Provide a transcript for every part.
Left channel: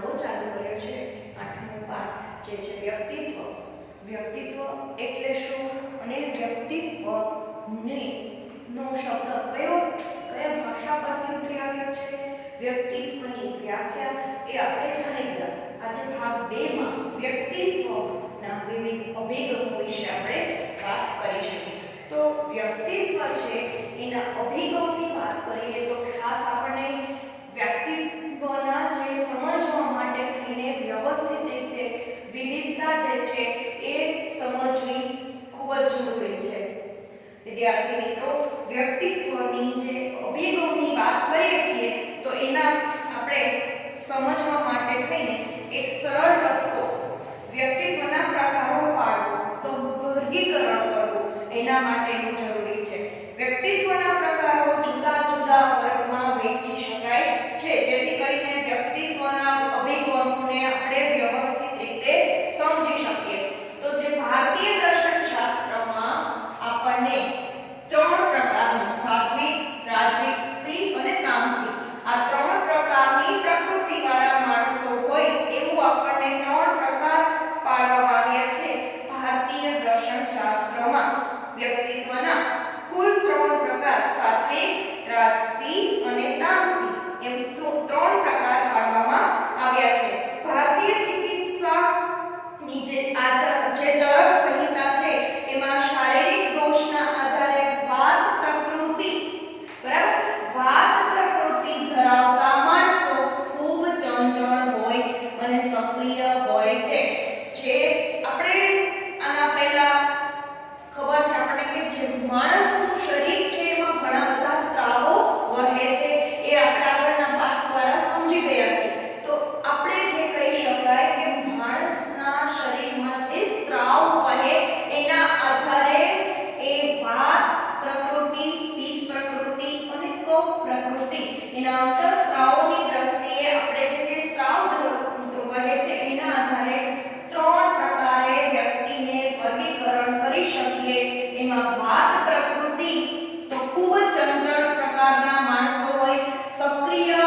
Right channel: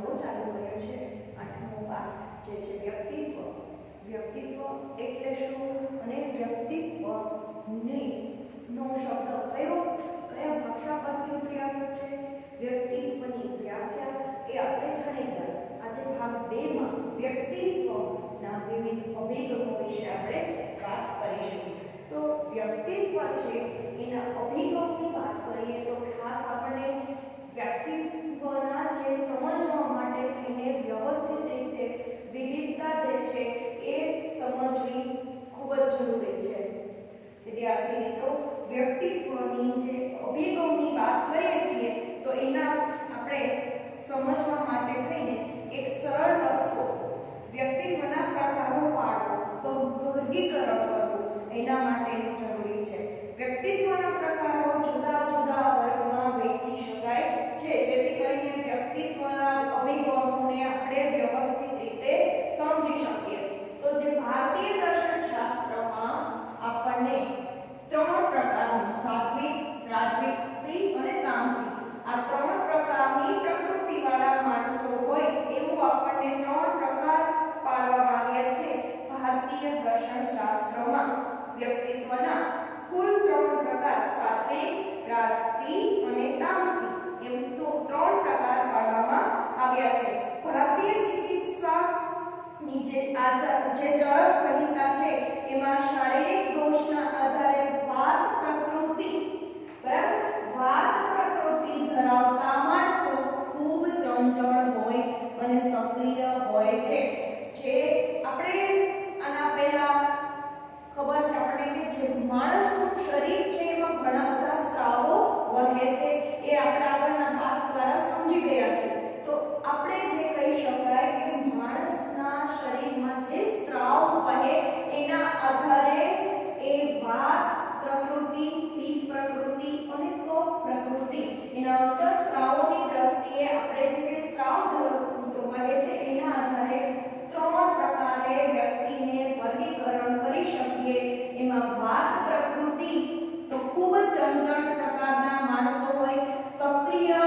નવો ચાલુ કર્યો છે 8મો પાઠ જે છે વ્યક્તિત્વ. વ્યક્તિત્વ એટલે શું અને વ્યક્તિત્વને નો શબ્દ કયા ભાષા પરથી ઉતરી આવ્યો છે? વ્યક્તિત્વની વ્યાખ્યા એ આપણે જાણી ગયા. આજે ભાગ 2 માં વ્યક્તિત્વના વિવિધ અભિગમો વિશે આપણે વાત કરીશું. તો વ્યક્તિત્વ છે એના અભિગમની વાત કરીએ તો ખાસ આપણને વ્યક્તિત્વના જે સમજવા માટે થઈને વ્યવસ્થિત રીતે વિવિધતા જે છે એ સમજવી ખૂબ જ જરૂરી છે. વિદ્યાર્થી મિત્રો, વ્યક્તિત્વની જે અભિગમની વાત કરીએ છીએ તો એના આપણે સમજવા માટે થઈને એક સરળ રસ્તો વ્યક્તિત્વના પ્રકારો પાડવો, તો વર્ગીકરણ કરવું એના માટેનું જરૂરી છે. વ્યક્તિત્વના પ્રકારો જુદા જુદા વર્ગમાં વહેંચી શકાય છે, જેથી કરીને વ્યક્તિત્વના અભિગમોને આપણે વ્યવસ્થિત રીતે સમજી શકીએ. તો જે ભારતીય દર્શનશાસ્ત્રમાં આપણને 3 પ્રકારના સાત્વિક, રાજસિક અને તામસિક આ 3 પ્રકારની પ્રકૃતિવાળા માણસો હોય એવું આપણને 3 પ્રકાર પાડવામાં આવ્યા છે ભારતીય દર્શનશાસ્ત્રમાં. વ્યક્તિત્વના કુલ 3 પ્રકાર સાત્વિક, રાજસિક અને તામસિક એમ 3 પ્રકાર પાડવામાં આવ્યા છે. ભારતીય ચિકિત્સાની જે ચરક સંહિતા છે એમાં શારીરિક દોષના આધારે વાત પ્રકૃતિ, બરાબર, વાત પ્રકૃતિ ધરાવતા માણસો ખૂબ ચંચળ હોય અને સક્રિય હોય છે. જે આપણે આના પહેલા ખબર છે આપણને કે જે માણસનું શરીર છે એમાં ઘણા બધા સ્ત્રાવો વહે છે એ આપણે આગળના પાઠ દ્વારા સમજી ગયા છે. તો આપણે જે કહી શકાય કે માણસના શરીરમાં જે સ્ત્રાવ વહે એના આધારે એ વાત પ્રકૃતિ, પિત્ત પ્રકૃતિ અને કફ પ્રકૃતિ એના અંતઃસ્ત્રાવોની દ્રષ્ટિએ આપણે જે સ્ત્રાવ વહે છે એના આધારે 3 પ્રકારે વ્યક્તિને વર્ગીકરણ કરી શકીએ. એમાં વાત પ્રકૃતિ તો ખૂબ જ ચંચળ પ્રકારના માણસો હોય, સક્રિય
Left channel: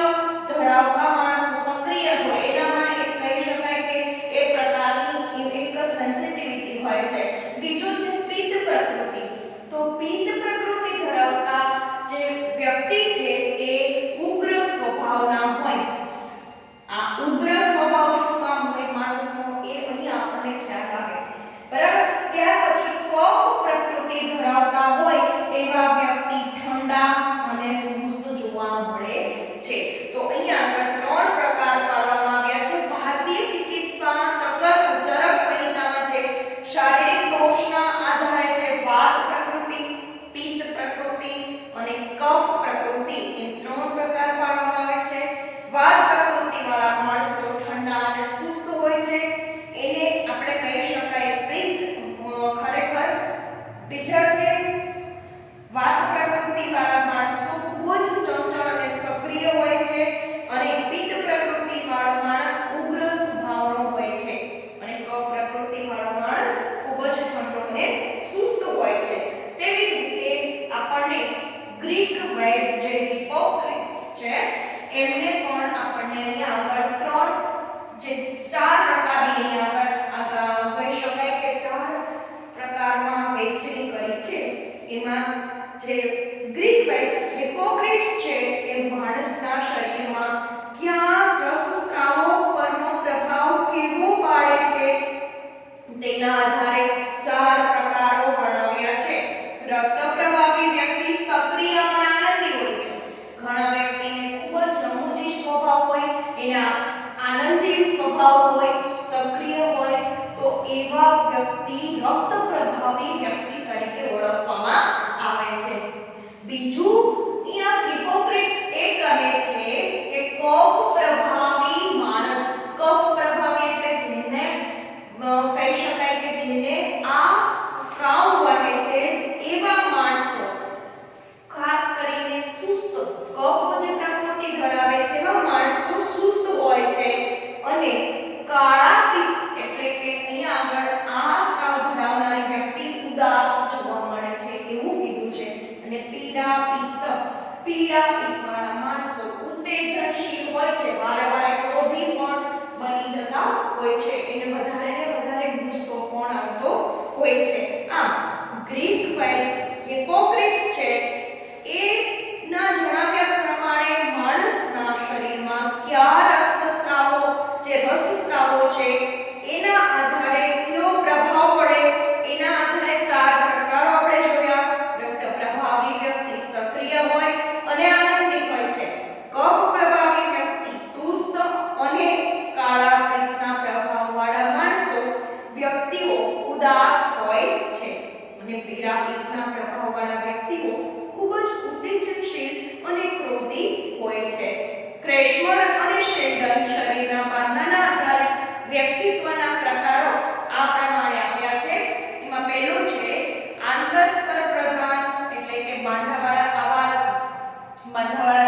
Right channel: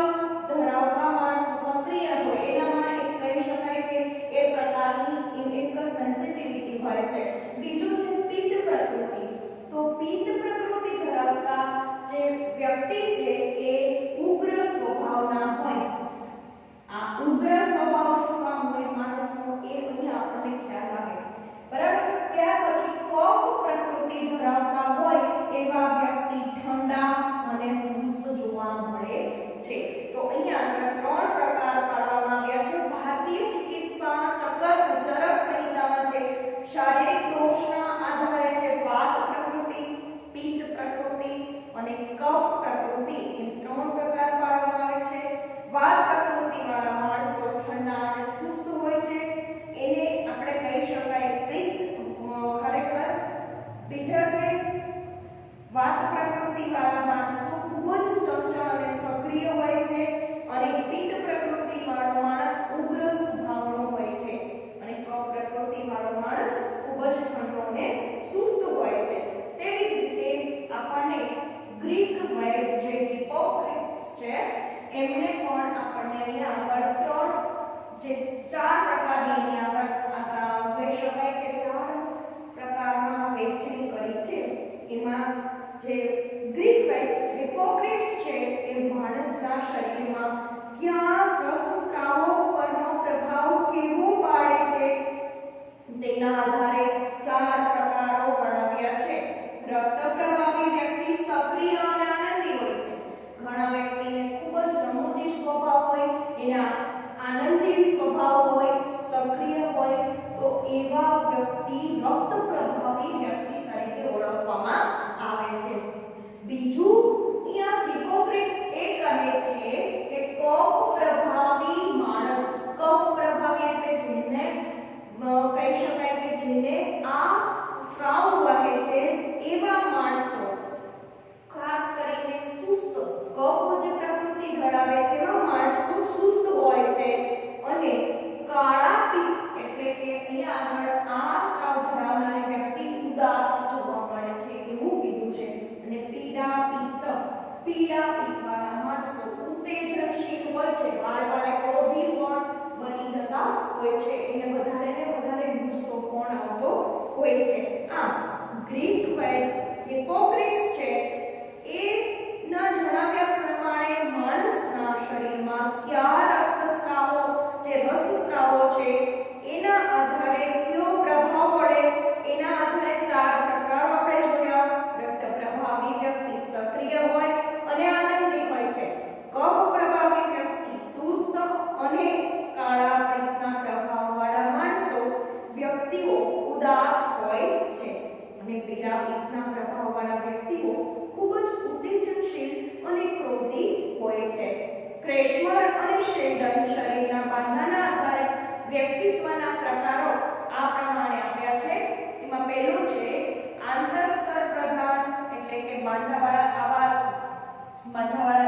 ધરાવતા માણસો સક્રિય હોય એનામાં એક કહી શકાય કે એ પ્રકારની એક સેન્સિટિવિટી હોય છે. બીજું છે પિત્ત પ્રકૃતિ. તો પિત્ત પ્રકૃતિ ધરાવતા જે વ્યક્તિ છે એ ઉગ્ર સ્વભાવના હોય. આ ઉગ્ર સ્વભાવ શું કામ હોય માણસનો એ અહીં આપણને ખ્યાલ આવે, બરાબર. ત્યાર પછી કફ પ્રકૃતિ ધરાવતા હોય એવા વ્યક્તિ ઠંડા અને સુસ્ત જોવા મળે છે. તો અહીંયા આગળ 3 પ્રકાર પાડવામાં આવ્યા છે ભારતીય ચિકિત્સા ચરક સંહિતામાં છે. શારીરિક દોષના આધારે છે વાત પ્રકૃતિ, પિત્ત પ્રકૃતિ અને કફ પ્રકૃતિ એમ 3 પ્રકાર પાડવામાં આવે છે. વાત પ્રકૃતિ વાળા માણસો ઠંડા અને સુસ્ત હોય છે એને આપણે કહી શકાય પિત્ત. ખરેખર બીજા છે વાત પ્રકૃતિ વાળા માણસો ખૂબ જ ચંચળ અને સક્રિય હોય છે અને પિત્ત પ્રકૃતિ વાળો માણસ ઉગ્ર સ્વભાવનો હોય છે અને કફ પ્રકૃતિ વાળો માણસ ખૂબ જ ઠંડો અને સુસ્ત હોય છે. તેવી જ રીતે આપણને ગ્રીક વૈદ જે હિપોક્રેટ્સ છે એમને પણ આપણને અહીંયા આગળ 4 પ્રકારની અહીંયા આગળ કહી શકાય કે 4 પ્રકારમાં વહેંચણી કરી છે. એમાં જે ગ્રીક વૈદ હિપોક્રેટ્સ છે એ માણસના શરીરમાં કયા રસસ્ત્રાવો પરનો પ્રભાવ કેવો પાડે છે તેના આધારે 4 પ્રકારો વર્ણવ્યા છે. રક્ત પ્રવાહી વ્યક્તિ સક્રિય અને આનંદી હોય છે. ઘણા વ્યક્તિને ખૂબ જ રમૂજી સ્વભાવ હોય, એના આનંદી સ્વભાવ હોય, સક્રિય હોય, તો એવા વ્યક્તિ રક્ત પ્રભાવી વ્યક્તિ તરીકે ઓળખવામાં આવે છે. બીજું અહીંયા હિપોક્રેટ્સ એ કહે છે કે કફ પ્રભાવી માણસ, કફ પ્રભાવી એટલે જેને કહી શકાય કે જેને આ સ્ત્રાવ વહે છે એવા માણસો ખાસ કરીને સુસ્ત, કફ જે પ્રકૃતિ ધરાવે છે એવા માણસો સુસ્ત હોય છે અને કાળા પિત્ત એટલે કે અહીંયા આગળ આ સ્ત્રાવ ધરાવનારી વ્યક્તિ ઉદાસ જોવા મળે છે એવું કીધું છે. અને પીળા પિત્ત વાળા માણસો ઉત્તેજનશીલ હોય છે, વારે વારે ક્રોધી પણ બની જતા હોય છે, એને વધારે ને વધારે ગુસ્સો પણ આવતો હોય છે. આમ ગ્રીક વૈદ હિપોક્રેટ્સ છે એ ના જણાવ્યા પ્રમાણે માણસના શરીરમાં કયા રક્તસ્રાવો જે રસસ્રાવો છે એના આધારે કયો પ્રભાવ પડે એના આધારે 4 પ્રકારો આપણે જોયા. રક્ત પ્રભાવી વ્યક્તિ સક્રિય હોય અને આનંદી હોય છે. કફ પ્રભાવી વ્યક્તિ સુસ્ત અને કાળા પિત્તના પ્રભાવવાળા માણસો વ્યક્તિઓ ઉદાસ હોય છે અને પીળા પિત્તના પ્રભાવવાળા વ્યક્તિઓ ખૂબ જ ઉત્તેજનશીલ અને ક્રોધી હોય છે. ક્રેશમર અને શેલ્ડન શરીરના બાંધાના આધારે વ્યક્તિત્વના પ્રકારો આ પ્રમાણે આપ્યા છે. એમાં પહેલું છે આંતરસ્તર પ્રધાન, એટલે કે બાંધાવાળા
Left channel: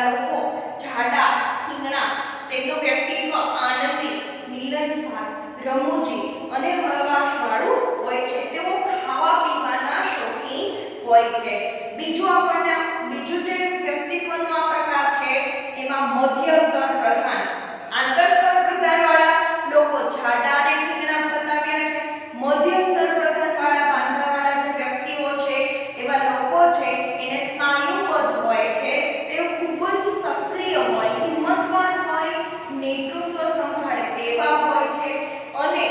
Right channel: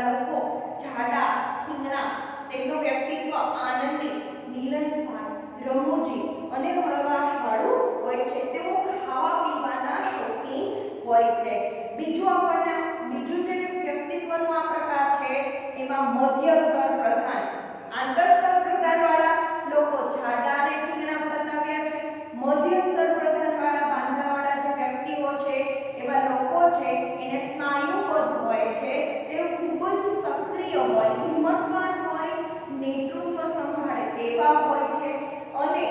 લોકો જાડા, ઠીંગણા, તેમનું વ્યક્તિત્વ આનંદી, મિલનસાર, રમૂજી અને હળવાશવાળું હોય છે. તેઓ ખાવા પીવાના શોખીન હોય છે. બીજું જે વ્યક્તિત્વનો આ પ્રકાર છે એમાં મધ્ય સ્તર પ્રધાન. આંતર સ્તર પ્રધાન વાળા લોકો જાડા અને ઠીંગણા બતાવ્યા છે. મધ્ય સ્તર પ્રધાન વાળા બાંધાવાળા જે વ્યક્તિઓ છે એવા લોકો છે એને સ્નાયુબદ્ધ હોય છે. તેઓ ખૂબ જ સક્રિય હોય, હિંમતવાન હોય, નેતૃત્વ સંભાળે તેવા હોય છે અને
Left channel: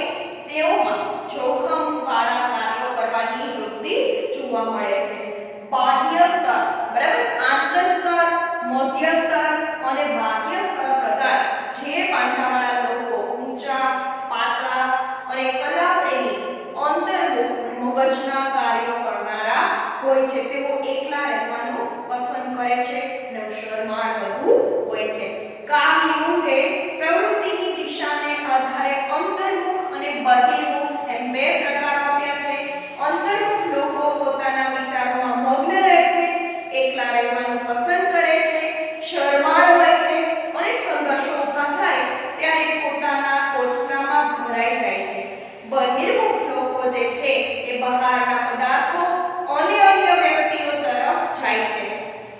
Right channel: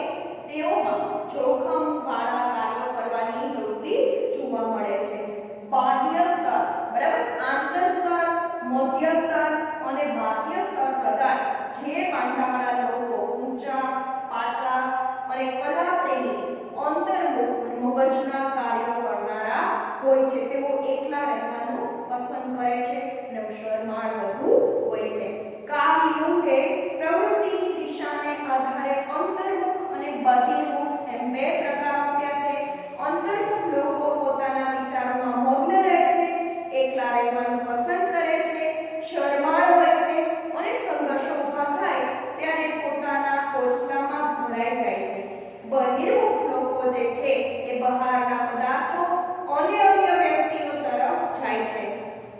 તેઓમાં જોખમ વાળા કાર્યો કરવાની વૃત્તિ જોવા મળે છે. બાહ્ય સ્તર, બરાબર, આંતર સ્તર, મધ્ય સ્તર અને બાહ્ય સ્તર પ્રધાન જે બાંધાવાળા લોકો ઊંચા, પાતળા અને કલાપ્રેમી, અંતર્મુખ, મગજના કાર્યો કરનારા હોય છે. તેઓ એકલા રહેવાનું પસંદ કરે છે અને શરમાળ વધુ હોય છે. કાર્લ યુંગે પ્રવૃત્તિની દિશાને આધારે અંતર્મુખ અને બહિર્મુખ એમ 2 પ્રકાર આપ્યા છે. અંતર્મુખ લોકો પોતાના વિચારોમાં મગ્ન રહે છે, એકલા રહેવાનું પસંદ કરે છે, શરમાળ હોય છે અને સંઘર્ષો ઊભા થાય ત્યારે પોતાના કોચલામાં ભરાઈ જાય છે. બહિર્મુખ લોકો જે છે એ બહારના પદાર્થો અને અન્ય વ્યક્તિઓ તરફ જાય છે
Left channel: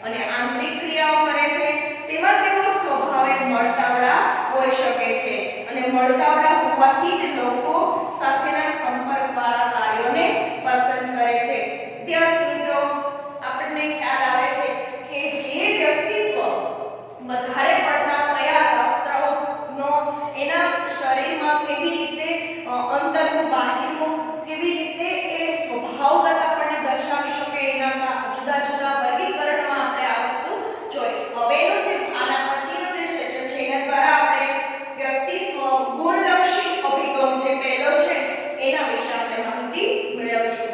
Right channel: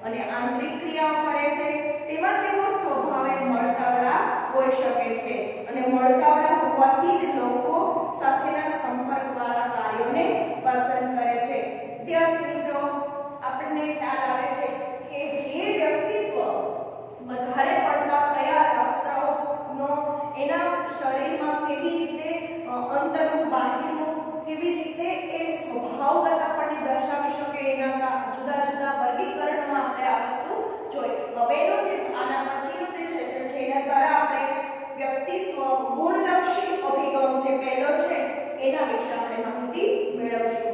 અને આંતરિક ક્રિયાઓ કરે છે. તેમાં તેઓ સ્વભાવે મળતાવળા હોઈ શકે છે અને મળતાવળા હોવાથી જ લોકો સાથેના સંપર્કવાળા કાર્યોને પસંદ કરે છે. વિદ્યાર્થી મિત્રો, આપણને ખ્યાલ આવે છે કે જે વ્યક્તિત્વ વધારે પડતા કયા રસસ્રાવનો એના શરીરમાં કેવી રીતે અંતર્મુખ, બાહિર્મુખ કેવી રીતે એ સ્વભાવગત આપણને દર્શાવી શકે એના જુદા જુદા વર્ગીકરણમાં આપણે આ વસ્તુ જોઈ. હવેનું જે આના પછીનું જે સેશન છે એના દ્વારા આપણે વ્યક્તિત્વ ગુણલક્ષી અભિગમ જે પહેલો છે એના વિશે આપણે માહિતી મેળવશું.